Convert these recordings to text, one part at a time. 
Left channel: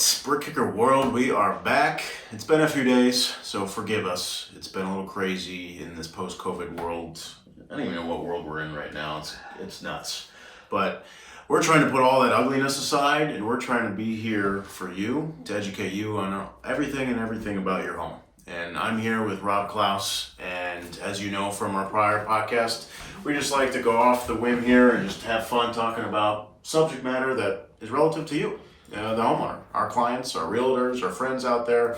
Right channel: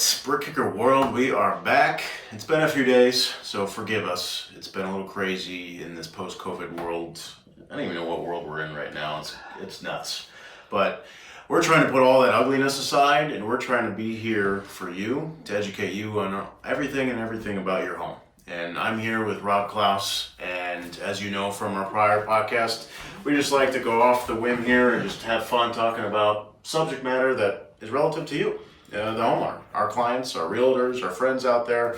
right, Brick Kicker World, we are back. It's been a few days, so forgive us. It's been a little crazy in this post-COVID world. I don't even know what world we're in right now. It's nuts. But we're trying to put all that ugliness aside, and we're trying to be here for you, to educate you on everything about your home. And I'm here with Rob Klaus, and as you know from our prior podcast, we just like to go off the whim here and just have fun talking about subject matter that is relative to you. The homeowner, our clients, our realtors, our friends out there.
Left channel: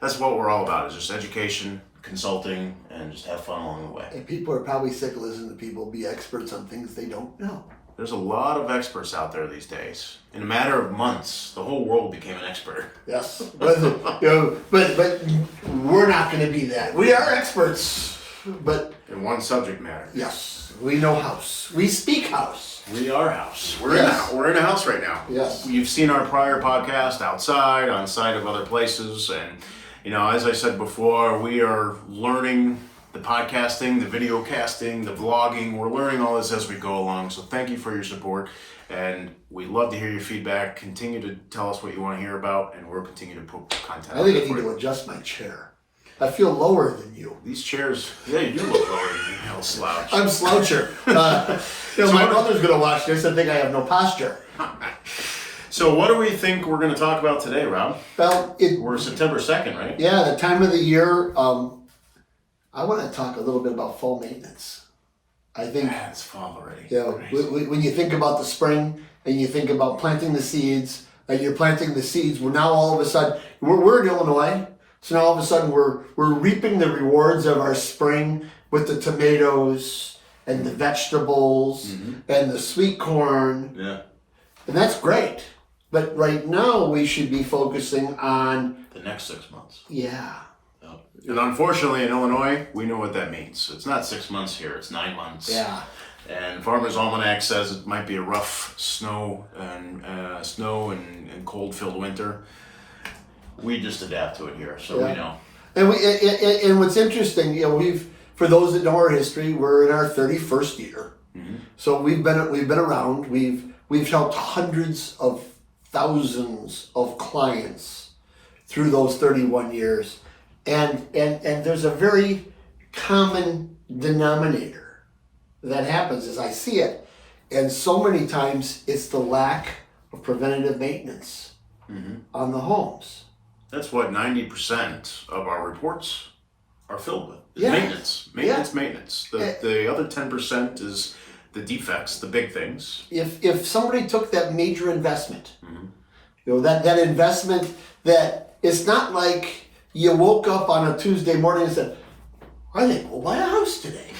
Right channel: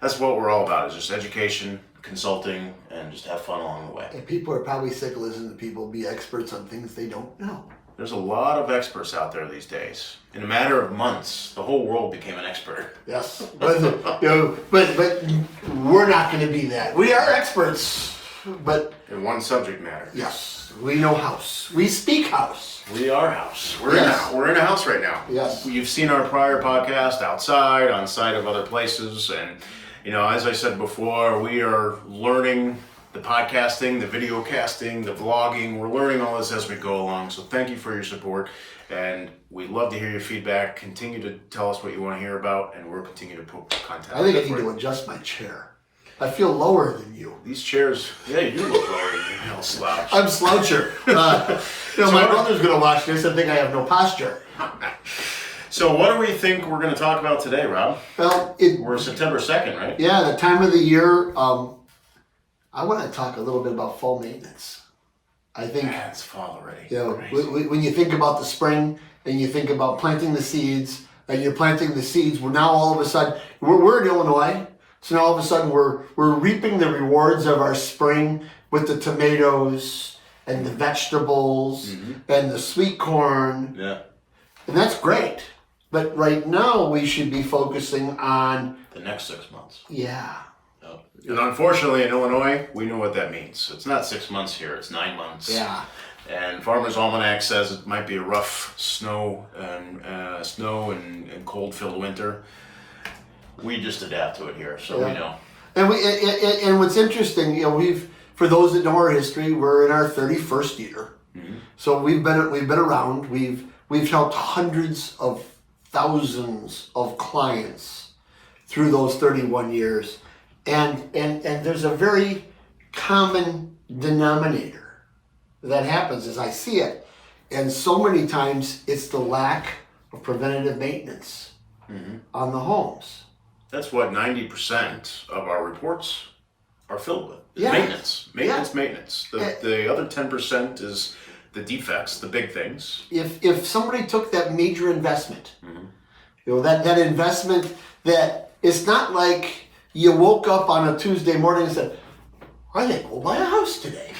That's what we're all about, is just education, consulting, and just have fun along the way. And people are probably sick of listening to people be experts on things they don't know. There's a lot of experts out there these days. In a matter of months, the whole world became an expert. Yes, but we're not going to be that. We are experts, but in one subject matter. Yes, we know house. We speak house. We are house. We're in a house right now. Yes. You've seen our prior podcast outside, on site of other places, and as I said before, we are learning the podcasting, the video casting, the vlogging. We're learning all this as we go along. So thank you for your support, and we'd love to hear your feedback. Continue to tell us what you want to hear about, and we'll continue to put content. I think I need to adjust my chair. I feel lower than you. These chairs, yeah, you do look lower than you. Hell, slouch. I'm sloucher. My brother's going to watch this and think I have no posture. So what do we think we're going to talk about today, Rob? Well, we're September 2nd, right? Yeah, the time of the year. I want to talk a little bit about fall maintenance. I think it's fall already. When you think about the spring and you think about planting the seeds, and you're planting the seeds, we're now all of a sudden we're in Illinois. So now all of a sudden we're reaping the rewards of our spring with the tomatoes and the vegetables and the sweet corn. Yeah. And that's great. But right now we should be focusing on the next 6 months. Yeah. Yep. And unfortunately in Illinois, we know what that means. It's not 6 months here, it's 9 months. Yeah. And Farmer's Almanac says it might be a rough snow and cold-filled winter. We just adapt to it here, so we know. And what's interesting, for those that know our history, we're in our 31st year. Mm-hmm. So we've been around. We've helped hundreds of thousands of clients through those 31 years, and there's a very common denominator that happens as I see it, and so many times it's the lack of preventative maintenance on the homes. That's what 90% of our reports are filled with. Yeah. Maintenance. The other 10% is the defects, the big things. If somebody took that major investment, that investment that it's not like you woke up on a Tuesday morning and said, I think we'll buy a house today.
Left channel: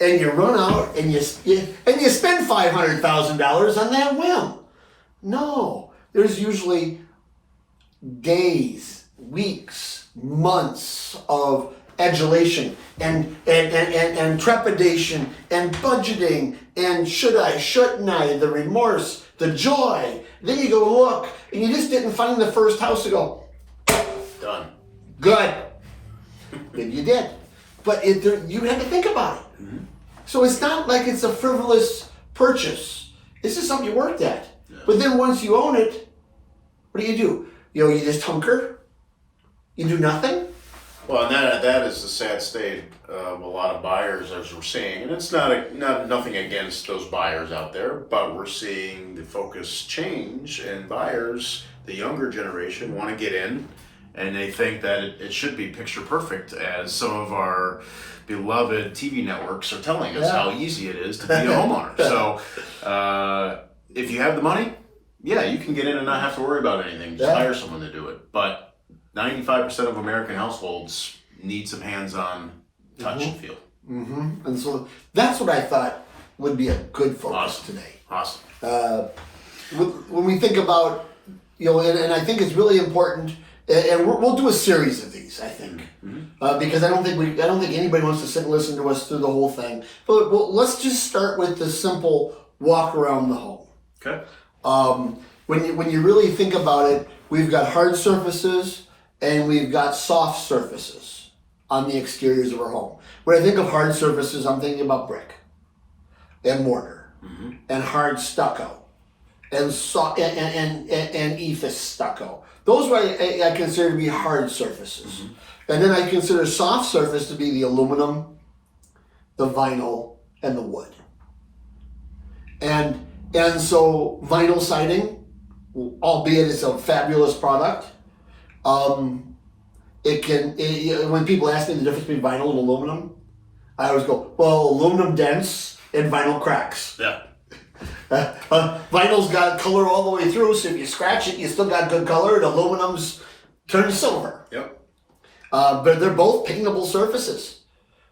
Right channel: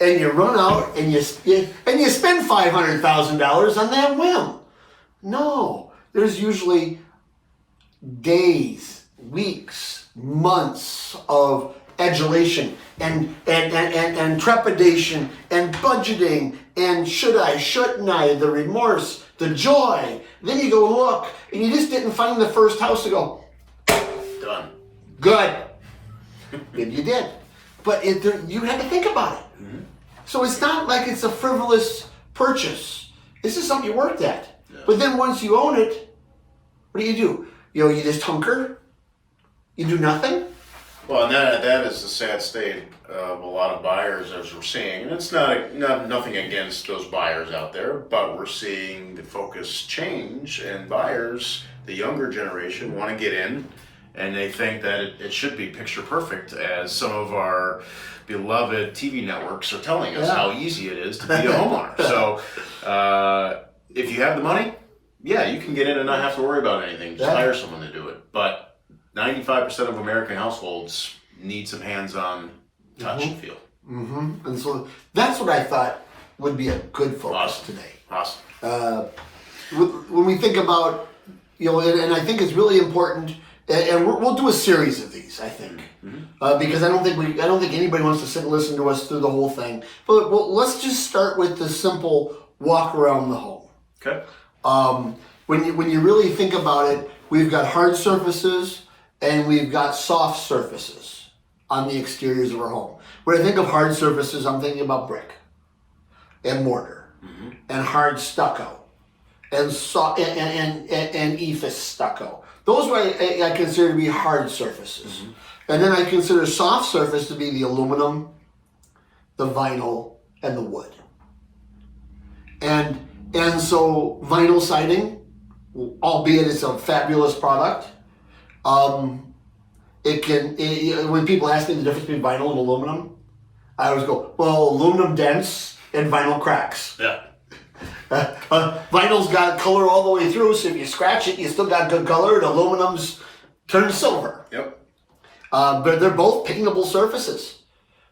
And you run out and you spend $500,000 on that whim. No, there's usually days, weeks, months of adulation and trepidation and budgeting and should I, shouldn't I, the remorse, the joy. Then you go look and you just didn't find the first house to go, done. Good. Good you did. But you had to think about it. Mm-hmm. So it's not like it's a frivolous purchase. This is something you worked at. Yeah. But then once you own it, what do? You just hunker? You do nothing? Well, and that is the sad state of a lot of buyers, as we're seeing. And it's nothing against those buyers out there, but we're seeing the focus change, and buyers, the younger generation, want to get in, and they think that it should be picture perfect, as some of our beloved TV networks are telling us how easy it is to be a homeowner. So if you have the money, you can get in and not have to worry about anything. Just hire someone to do it. But 95% of American households need some hands-on touch and feel. Mm-hmm. And so that's what I thought would be a good focus today. Awesome. When we think about, and I think it's really important, and we'll do a series of these, I think, because I don't think anybody wants to sit and listen to us through the whole thing. But let's just start with the simple walk around the home. Okay. When you really think about it, we've got hard surfaces and we've got soft surfaces on the exteriors of our home. When I think of hard surfaces, I'm thinking about brick and mortar and hard stucco and ephes stucco. Those are I consider to be hard surfaces. And then I consider soft surface to be the aluminum, the vinyl, and the wood. And so vinyl siding, albeit it's a fabulous product, when people ask me the difference between vinyl and aluminum, I always go, well, aluminum dents and vinyl cracks. Yeah. Vinyl's got color all the way through, so if you scratch it, you still got good color, and aluminum's turned silver. Yep. But they're both paintable surfaces.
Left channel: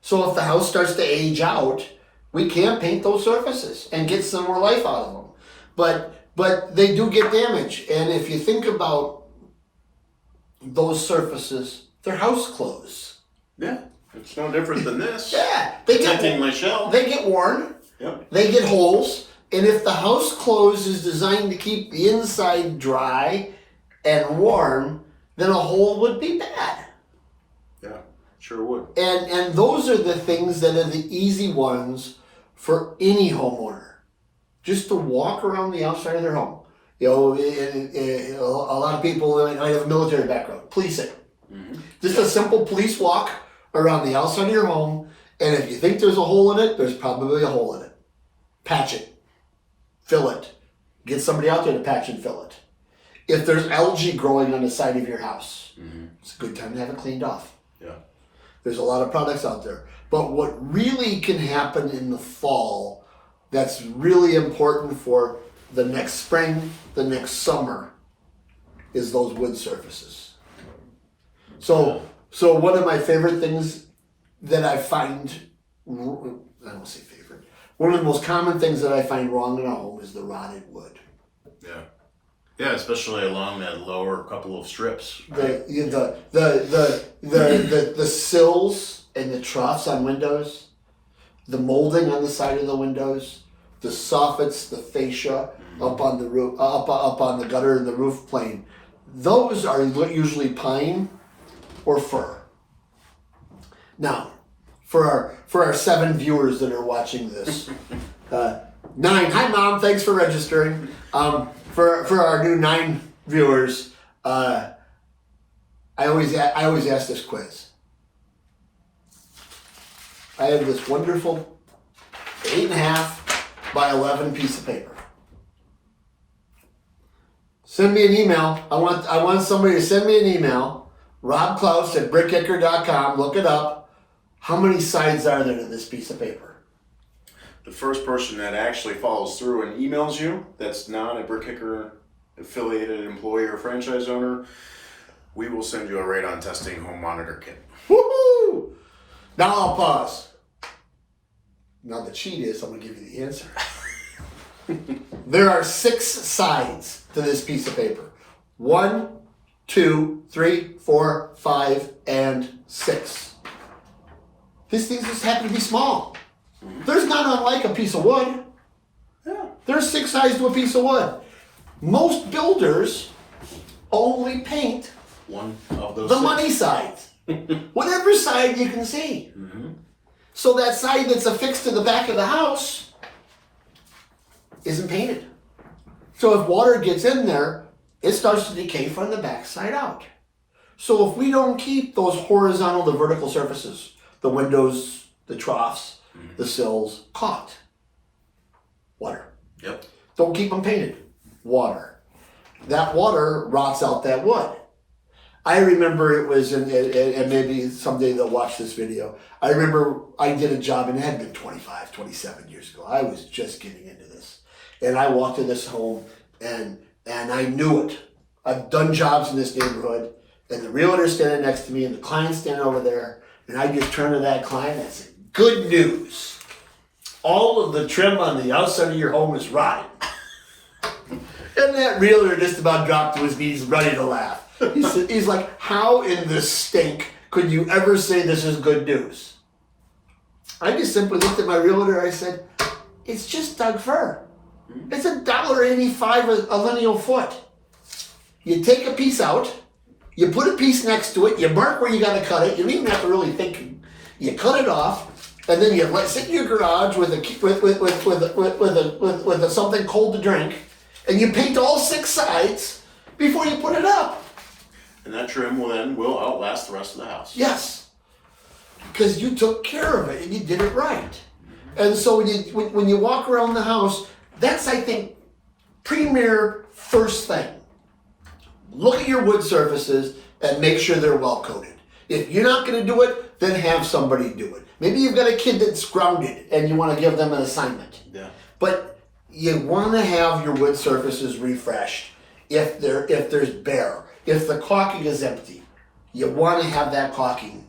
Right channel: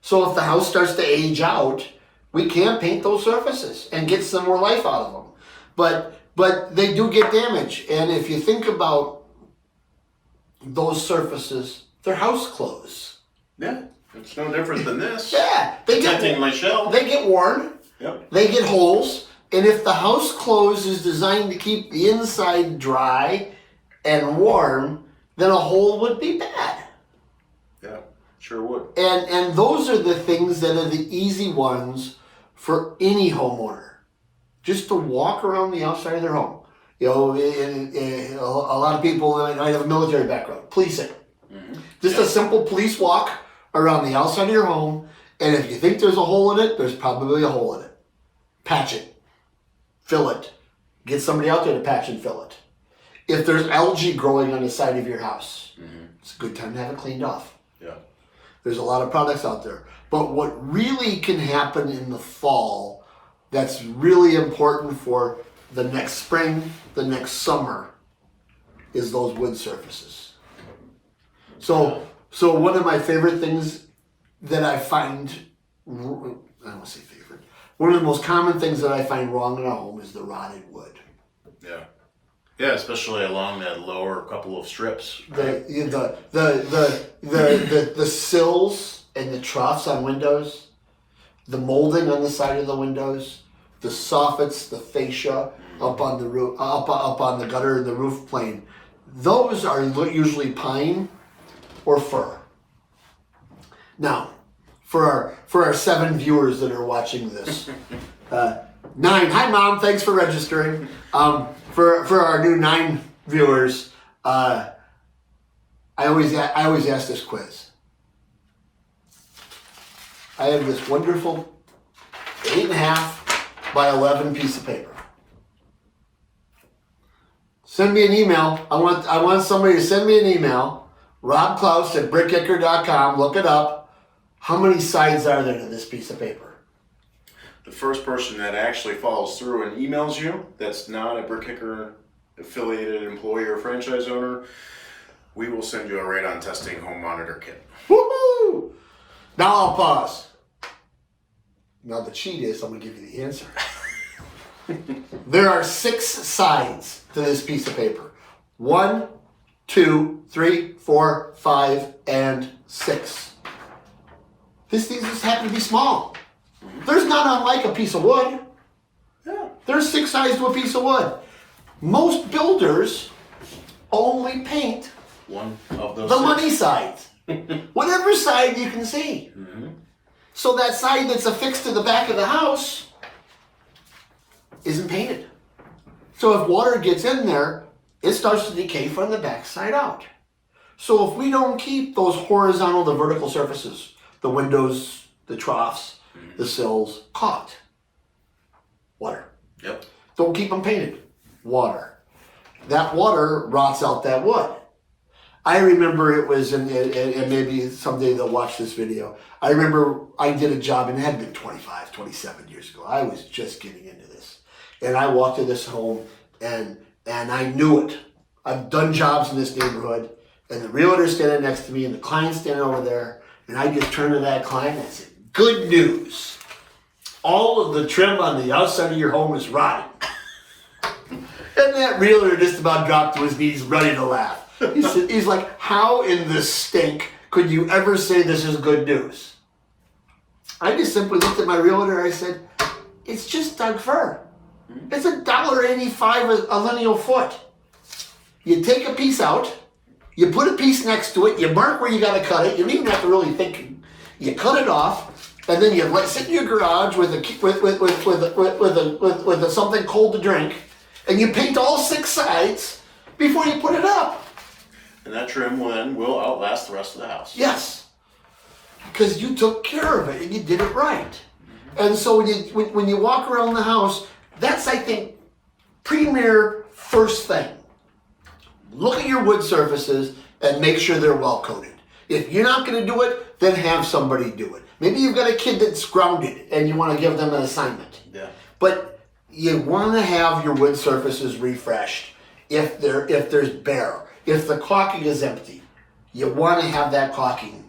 So if the house starts to age out, we can paint those surfaces and get some more life out of them. But they do get damaged. And if you think about those surfaces, they're house clothes. Yeah. It's no different than this. Yeah. Protecting my shelf. They get worn. Yep. They get holes. And if the house clothes is designed to keep the inside dry and warm, then a hole would be bad. Yeah, sure would. And those are the things that are the easy ones for any homeowner. Just to walk around the outside of their home. You know, a lot of people might have a military background. Policing. Just a simple police walk around the outside of your home, and if you think there's a hole in it, there's probably a hole in it. Patch it. Fill it. Get somebody out there to patch and fill it. If there's algae growing on the side of your house, it's a good time to have it cleaned off. Yeah. There's a lot of products out there. But what really can happen in the fall that's really important for the next spring, the next summer, is those wood surfaces. So one of my favorite things that I find, I don't want to say favorite, one of the most common things that I find wrong in a home is the rotted wood. Yeah. Yeah, especially along that lower couple of strips. Right? The sills and the troughs on windows, the molding on the side of the windows, the soffits, the fascia up on the roof, up on the gutter and the roof plane. Those are usually pine or fir. Now, for our 7 viewers that are watching this, 9. Hi, Mom. Thanks for registering. For our new 9 viewers, I always ask this quiz. I have this wonderful 8.5 by 11 piece of paper. Send me an email. I want somebody to send me an email. robklaus@brickkicker.com. Look it up. How many sides are there to this piece of paper? The first person that actually follows through and emails you, that's not a BrickKicker affiliated employee or franchise owner, we will send you a radon testing home monitor kit. Woohoo! Now I'll pause. Now the cheat is I'm going to give you the answer. There are 6 sides to this piece of paper. 1, 2, 3, 4, 5, and 6. These things just happen to be small. There's not unlike a piece of wood. Yeah. There's 6 sides to a piece of wood. Most builders only paint One of those the 6. money sides. Whatever side you can see. So that side that's affixed to the back of the house isn't painted. So if water gets in there, it starts to decay from the back side out. So if we don't keep those horizontal to vertical surfaces, the windows, the troughs, the sills, caulked, water. Yep. Don't keep them painted, water. That water rots out that wood. I remember it was, and maybe someday they'll watch this video. I remember I did a job, and it had been 25, 27 years ago. I was just getting into this. And I walked to this home, and I knew it. I've done jobs in this neighborhood, and the realtor's standing next to me, and the client's standing over there, and I just turned to that client and I said, good news. All of the trim on the outside of your home is rotting. And that realtor just about dropped to his knees, ready to laugh. He's like, how in the stink could you ever say this is good news? I just simply looked at my realtor and I said, it's just Doug fir. It's $1.85 a lineal foot. You take a piece out, you put a piece next to it, you mark where you got to cut it. You don't even have to really think. You cut it off, and then you sit in your garage with something cold to drink, And you paint all 6 sides before you put it up. And that trim will outlast the rest of the house. Yes. Because you took care of it and you did it right. And so when you walk around the house, that's, I think, premier first thing. Look at your wood surfaces and make sure they're well coated. If you're not going to do it, then have somebody do it. Maybe you've got a kid that's grounded and you want to give them an assignment. Yeah. But you want to have your wood surfaces refreshed. If there's bare, if the caulking is empty, you want to have that caulking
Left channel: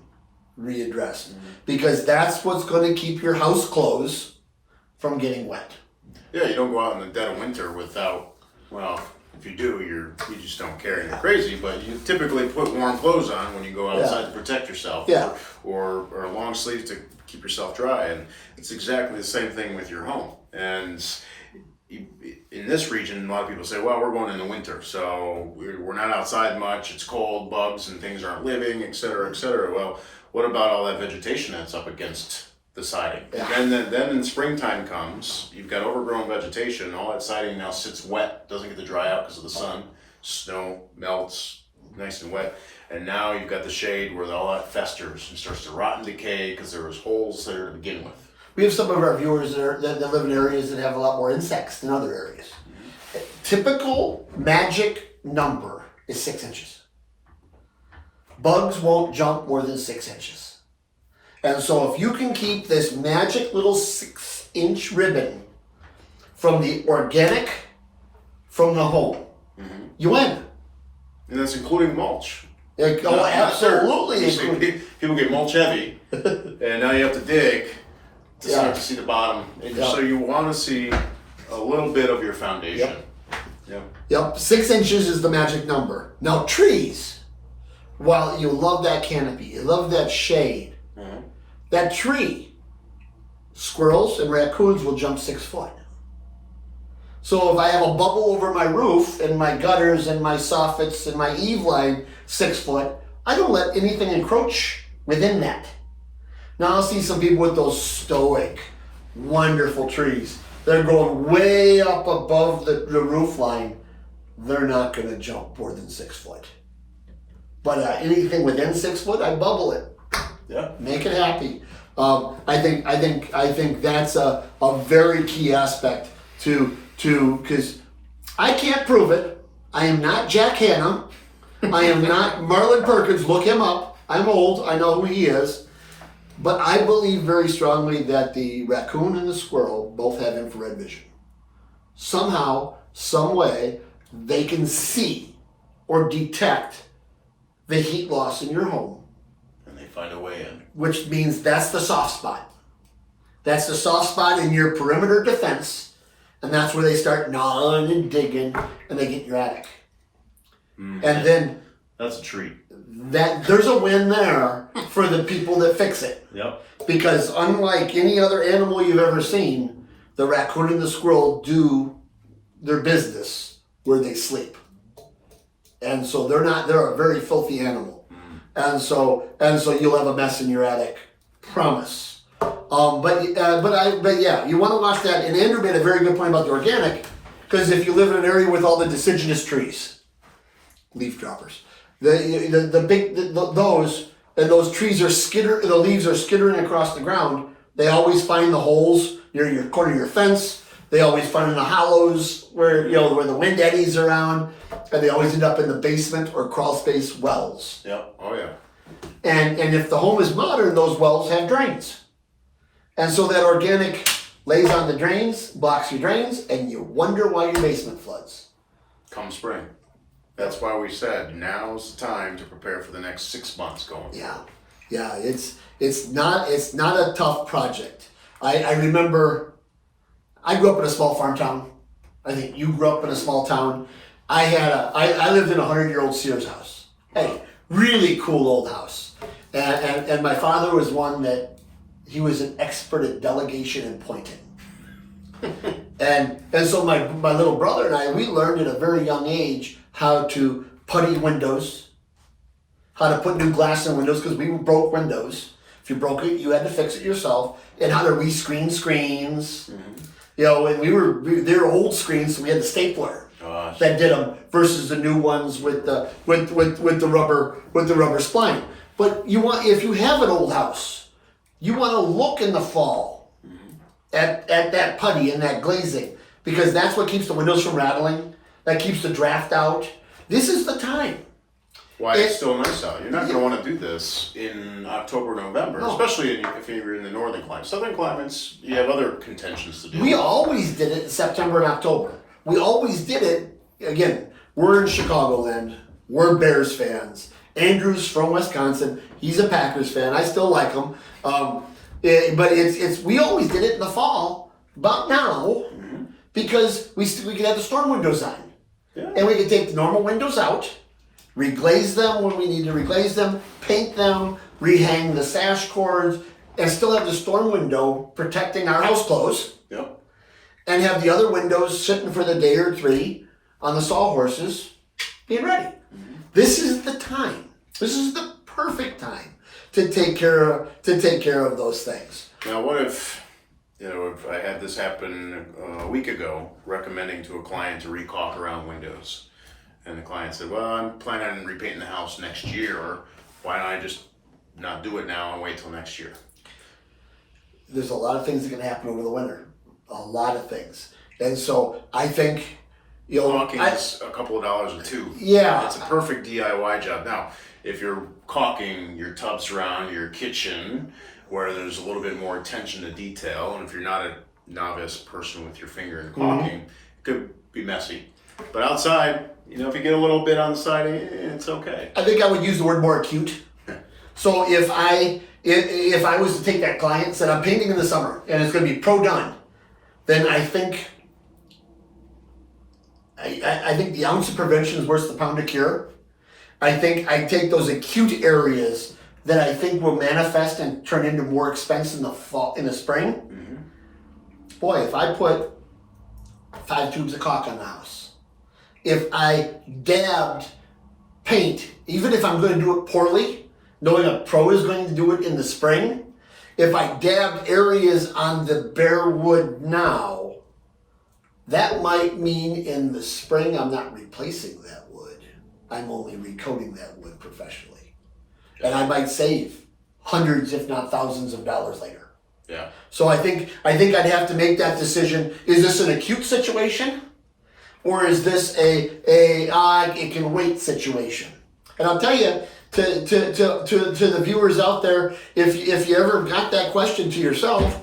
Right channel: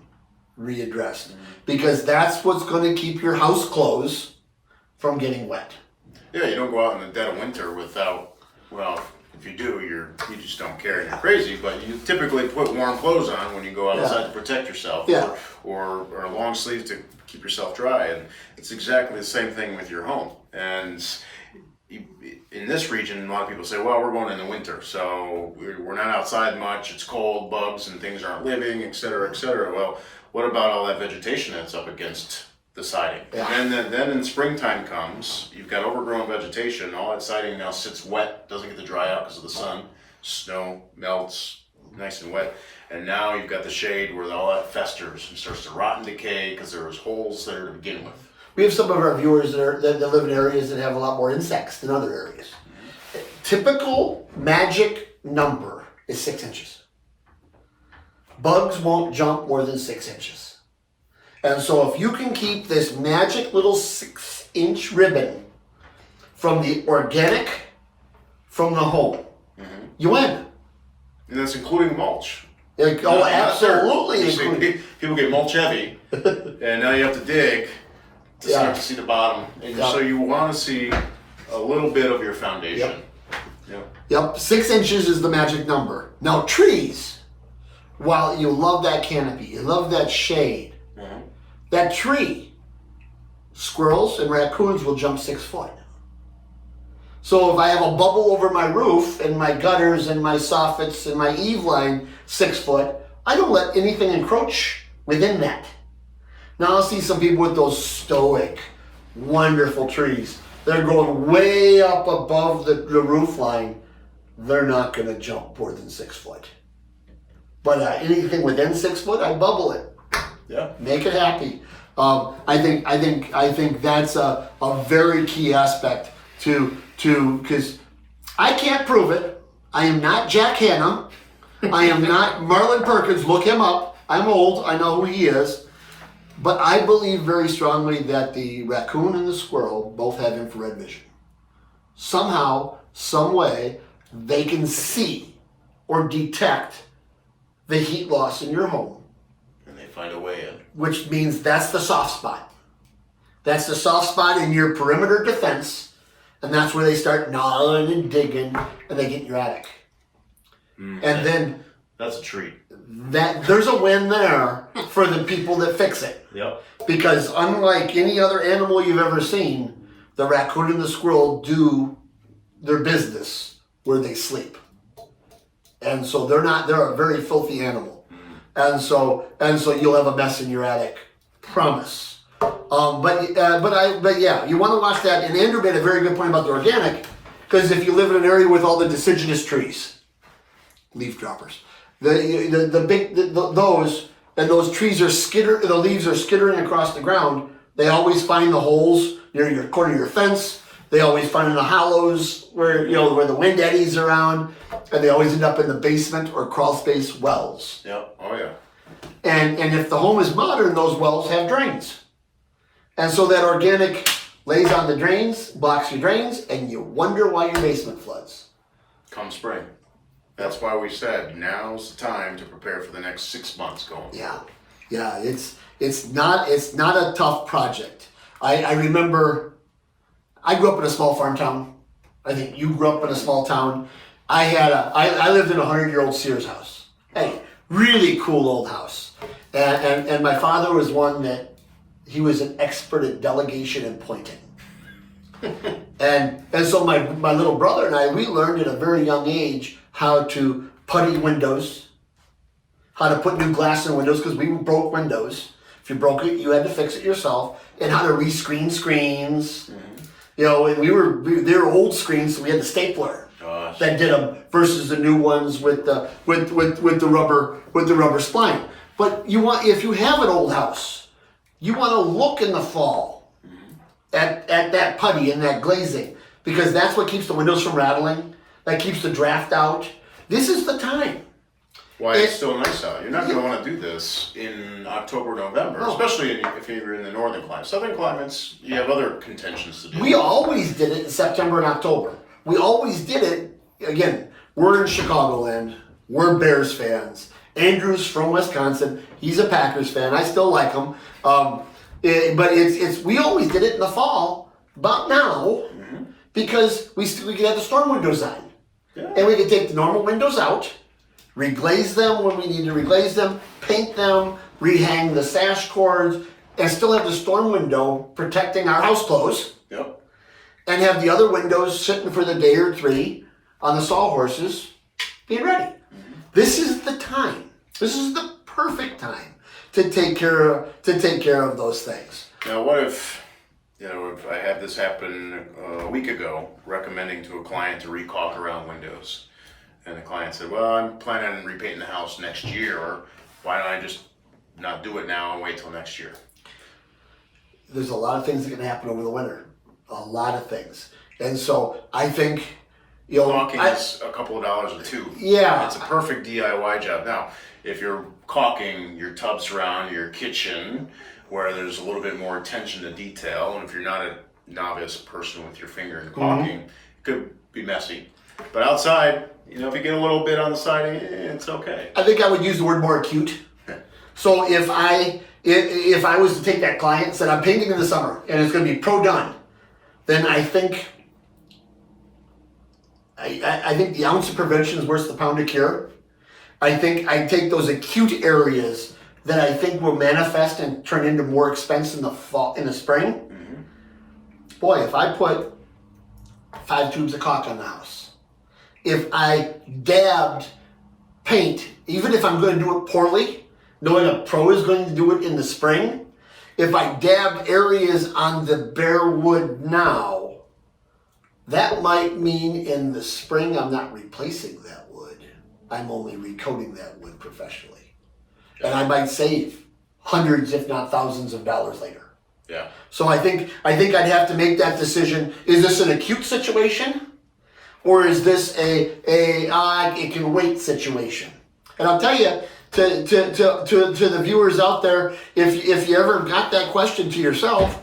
readdressed, because that's what's going to keep your house clothes from getting wet. Yeah, you don't go out in the dead of winter without, well, if you do, you just don't care. You're crazy, but you typically put warm clothes on when you go outside to protect yourself, or long sleeves to keep yourself dry. And it's exactly the same thing with your home. And in this region, a lot of people say, well, we're going in the winter, so we're not outside much, it's cold, bugs and things aren't living, et cetera, et cetera. Well, what about all that vegetation that's up against the siding? Yeah. And then in springtime comes, you've got overgrown vegetation, all that siding now sits wet, doesn't get to dry out because of the sun, snow melts, nice and wet, and now you've got the shade where all that festers and starts to rot and decay because there was holes there to begin with. We have some of our viewers that live in areas that have a lot more insects than other areas. Typical magic number is 6 inches. Bugs won't jump more than 6 inches. And so if you can keep this magic little 6-inch ribbon from the organic, from the home, you win. And that's including mulch. Absolutely. People get mulch heavy, and now you have to dig to start to see the bottom. And so you want to see a little bit of your foundation. Yep. 6 inches is the magic number. Now trees, while you love that canopy, you love that shade, that tree, squirrels and raccoons will jump 6 foot. So if I have a bubble over my roof and my gutters and my soffits and my eave line 6 foot, I don't let anything encroach within that. Now I'll see some people with those stoic, wonderful trees. They're going way up above the roof line. They're not going to jump more than 6 foot. But anything within 6 foot, I bubble it. Yeah. Make it happy. I think that's a very key aspect to because I can't prove it. I am not Jack Hanna. I am not Marlon Perkins. Look him up. I'm old. I know who he is. But I believe very strongly that the raccoon and the squirrel both have infrared vision. Somehow, some way, they can see or detect the heat loss in your home. And they find a way in. Which means that's the soft spot. That's the soft spot in your perimeter defense. And that's where they start gnawing and digging and they get in your attic. And then that's a treat. There's a win there for the people that fix it. Yep. Because unlike any other animal you've ever seen, the raccoon and the squirrel do their business where they sleep. And so they're a very filthy animal. And so you'll have a mess in your attic. Promise. But yeah, you want to watch that. And Andrew made a very good point about the organic, because if you live in an area with all the deciduous trees, leaf droppers, those trees are the leaves are skittering across the ground. They always find the holes near your corner of your fence. They always find in the hollows where the wind eddies around, and they always end up in the basement or crawl space wells. Yep. Oh yeah. And if the home is modern, those wells have drains. And so that organic lays on the drains, blocks your drains, and you wonder why your basement floods. Come spring. That's why we said now's the time to prepare for the next 6 months going. Yeah. It's not a tough project. I remember I grew up in a small farm town. I think you grew up in a small town. I lived in a 100-year-old Sears house. Hey, really cool old house. And my father was one that he was an expert at delegation and pointing. and so my little brother and I, we learned at a very young age how to putty windows, how to put new glass in windows, because we broke windows. If you broke it, you had to fix it yourself, and how to rescreen screens. And they were old screens, so we had the stapler. much. that did them versus the new ones with the rubber spline. But if you have an old house, you want to look in the fall at that putty and that glazing, because that's what keeps the windows from rattling. That keeps the draft out. This is the time. Why it's still nice out. You're not going to want to do this in October, November, especially if you're in the northern climates. Southern climates, you have other contentions to do. We always did it in September and October. We always did it. Again, we're in Chicagoland. We're Bears fans. Andrew's from Wisconsin. He's a Packers fan. I still like him. But we always did it in the fall, about now, because we could have the storm windows on. Yeah. And we could take the normal windows out, reglaze them when we need to reglaze them, paint them, rehang the sash cords, and still have the storm window protecting our house clothes. Yep. And have the other windows sitting for the day or three on the sawhorses being ready. This is the time. This is the perfect time to take care of those things. Now, what if I had this happen a week ago, recommending to a client to recaulk around windows, and the client said, "Well, I'm planning on repainting the house next year. Why don't I just not do it now and wait till next year?" There's a lot of things that can happen over the winter. A lot of things, and so I think caulking is a couple of dollars or two. Yeah, it's a perfect DIY job. Now, if you're caulking your tubs around your kitchen, where there's a little bit more attention to detail, and if you're not a novice person with your finger in caulking, it could be messy. But outside, if you get a little bit on the side, it's okay. I think I would use the word more acute. So if I was to take that client and said, I'm painting in the summer and it's going to be pro done, then I think the ounce of prevention is worth the pound of cure. I think I take those acute areas that I think will manifest and turn into more expense in the spring. Boy, if I put 5 tubes of caulk on the house, if I dabbed paint, even if I'm going to do it poorly, knowing a pro is going to do it in the spring, if I dabbed areas on the bare wood now, that might mean in the spring I'm not replacing that wood. I'm only recoating that wood professionally. And I might save hundreds, if not thousands of dollars later. Yeah. So I think I'd have to make that decision. Is this an acute situation? Or is this it can wait situation? And I'll tell you, to the viewers out there, if you ever got that question to yourself,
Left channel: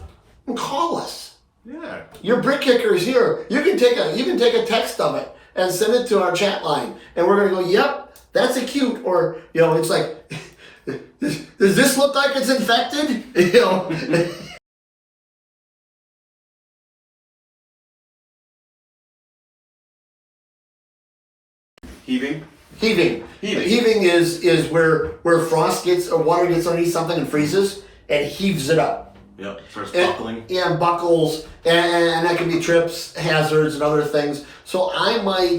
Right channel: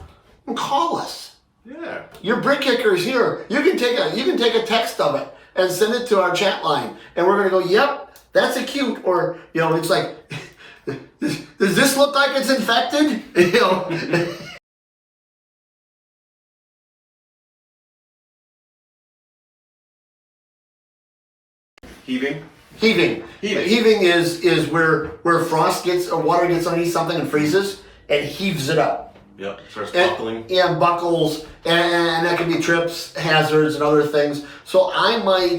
call us. Yeah. Your brick kicker is here. You can take a text of it and send it to our chat line, and we're gonna go, yep, that's acute. Or it's like, does this look like it's infected? Heaving is where frost gets or water gets underneath something and freezes and heaves it up. Yep, starts buckling. And buckles, and that can be trips, hazards, and other things. So I might,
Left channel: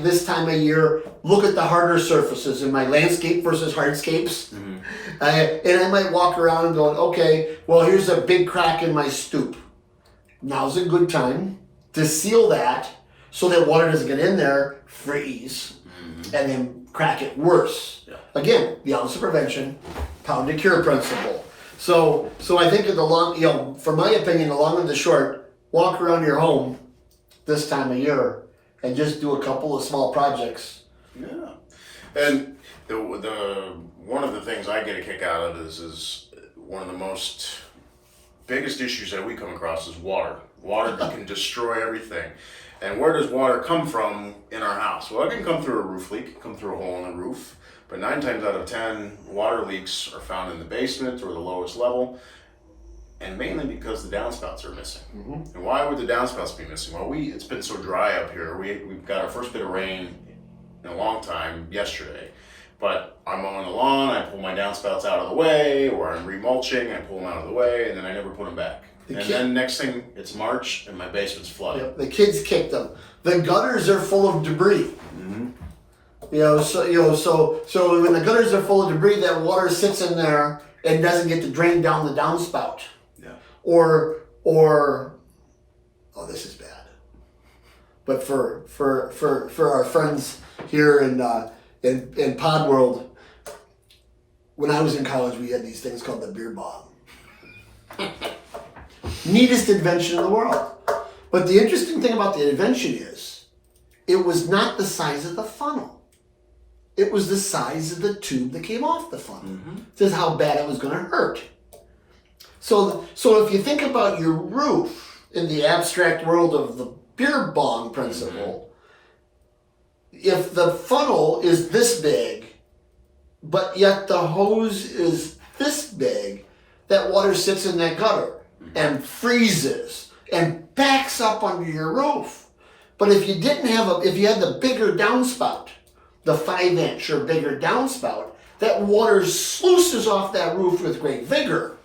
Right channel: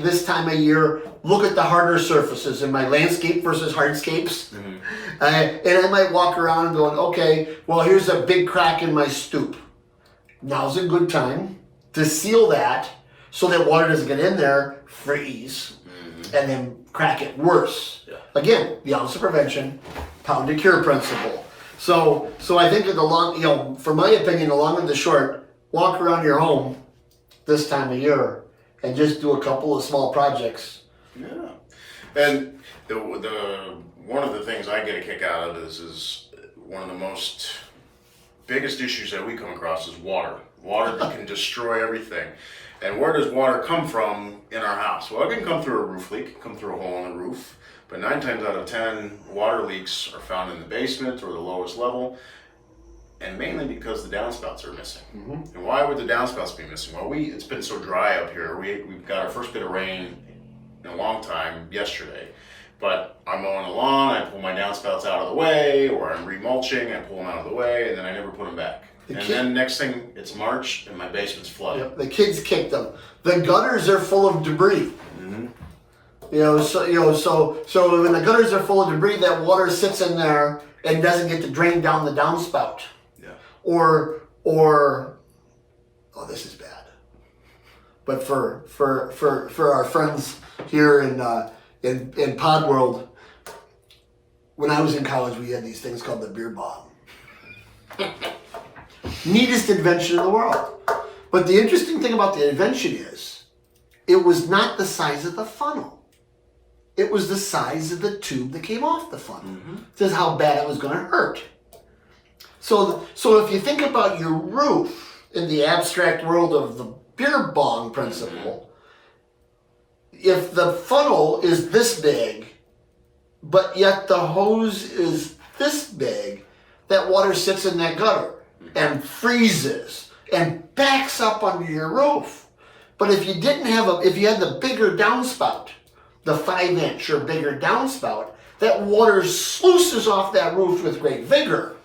this time of year, look at the harder surfaces in my landscape versus hardscapes. And I might walk around going, okay, well, here's a big crack in my stoop. Now's a good time to seal that so that water doesn't get in there, freeze, and then crack it worse. Yeah. Again, the ounce of prevention, pound of cure principle. So I think in the long, from my opinion, the long and the short, walk around your home this time of year and just do a couple of small projects. Yeah. And the one of the things I get a kick out of is one of the biggest issues that we come across is water. Water that can destroy everything. And where does water come from in our house? Well, it can come through a roof leak, it can come through a hole in the roof. But 9 times out of 10, water leaks are found in the basement or the lowest level, and mainly because the downspouts are missing. And why would the downspouts be missing? Well, it's been so dry up here. We've got our first bit of rain in a long time yesterday. But I'm mowing the lawn, I pull my downspouts out of the way, or I'm remulching, I pull them out of the way, and then I never put them back. Then next thing, it's March, and my basement's flooded. Yep, the kids kicked them. The gutters are full of debris. So when the gutters are full of debris, that water sits in there and doesn't get to drain down the downspout. Yeah. Or oh, this is bad. But for our friends here in Pod World, when I was in college, we had these things called the beer bong. Neatest invention in the world. But the interesting thing about the invention is, it was not the size of the funnel. It was the size of the tube that came off the funnel. Mm-hmm. This is how bad it was going to hurt. So if you think about your roof in the abstract world of the beer bong principle, if the funnel is this big, but yet the hose is this big, that water sits in that gutter and freezes and backs up under your roof. But if you didn't have if you had the bigger downspout, the 5-inch or bigger downspout, that water sluices off that roof with great vigor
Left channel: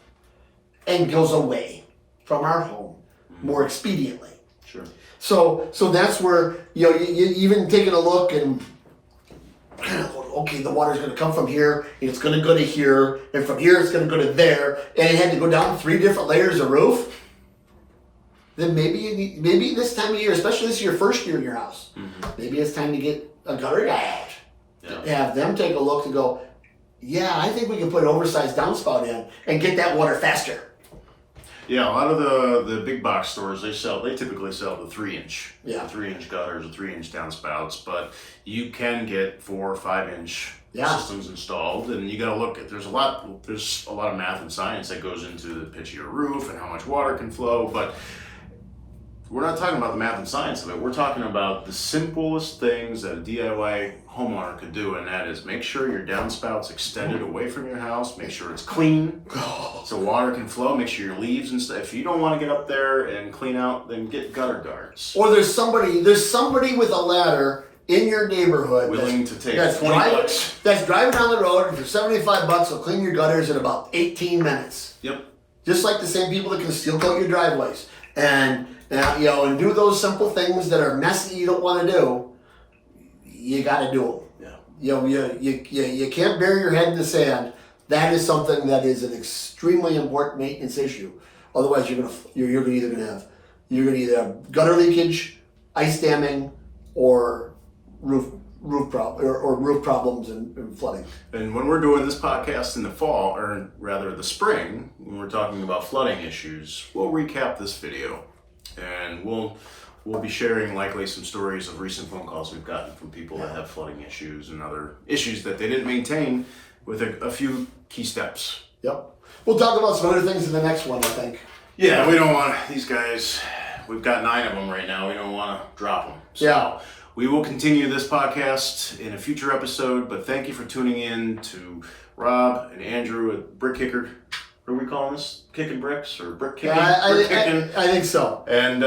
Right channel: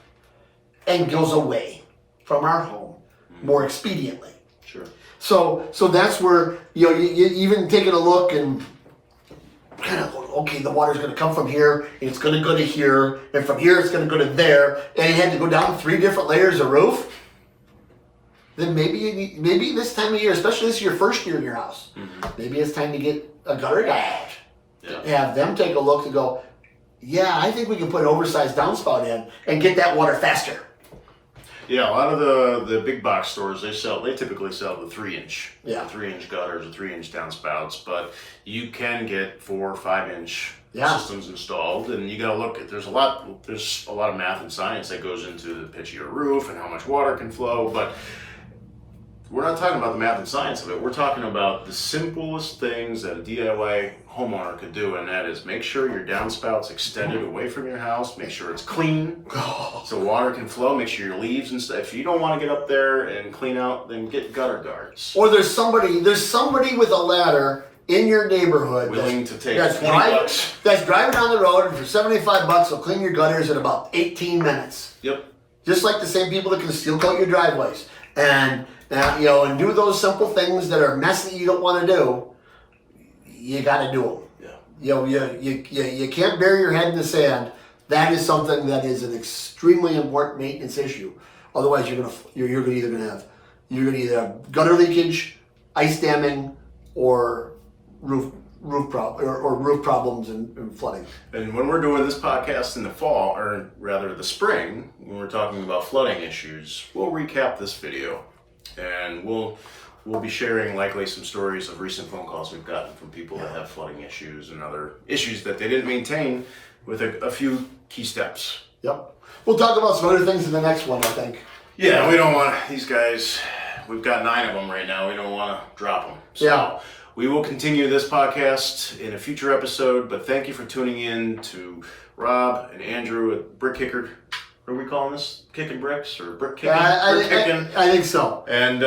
and goes away from our home more expediently. Sure. So that's where, you even taking a look and kind of going, okay, the water's going to come from here, and it's going to go to here, and from here it's going to go to there, and you had to go down 3 different layers of roof. Then maybe this time of year, especially this is your first year in your house, maybe it's time to get a gutter guy out. Yeah. Have them take a look and go, yeah, I think we can put an oversized downspout in and get that water faster. Yeah, a lot of the big box stores, they typically sell the 3-inch. Yeah. 3-inch gutters, the 3-inch downspouts, but you can get 4 or 5-inch systems installed, and you gotta look at, there's a lot of math and science that goes into the pitch of your roof and how much water can flow, but we're not talking about the math and science of it. We're talking about the simplest things that a DIY homeowner could do, and that is make sure your downspout's extended away from your house, make sure it's clean so water can flow, make sure your leaves and stuff. If you don't want to get up there and clean out, then get gutter guards. Or there's somebody with a ladder in your neighborhood willing to take $20. That's driving down the road, and for $75 will clean your gutters in about 18 minutes. Yep. Just like the same people that can steel coat your driveways. And do those simple things that are messy you don't want to do. You got to do them. Yeah. You can't bury your head in the sand. That is something that is an extremely important maintenance issue. Otherwise, you're either going to have gutter leakage, ice damming, or roof problems and flooding. And when we're doing this podcast in the fall, or rather the spring, when we're talking about flooding issues, we'll recap this video, and we'll be sharing likely some stories of recent phone calls we've gotten from people that have flooding issues and other issues that they didn't maintain with a few key steps. Yep. We'll talk about some other things in the next one, I think. Yeah, we don't want these guys. We've got 9 of them right now. We don't want to drop them. So we will continue this podcast in a future episode, but thank you for tuning in to Rob and Andrew at Brick Kicker. What are we calling this? Kickin' Bricks or Brick Kicking? I think so. And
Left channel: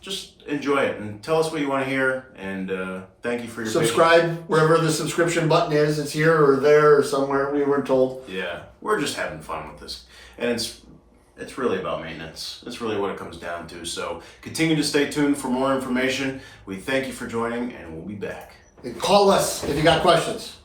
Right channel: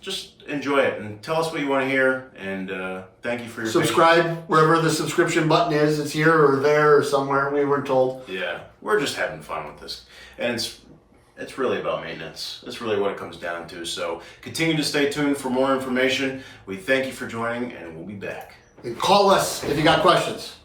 just enjoy it and tell us what you want to hear. And thank you for your subscribe patience. Wherever the subscription button is. It's here or there or somewhere. We weren't told. Yeah, we're just having fun with this, and it's really about maintenance. That's really what it comes down to. So continue to stay tuned for more information. We thank you for joining, and we'll be back. And call us if you got questions.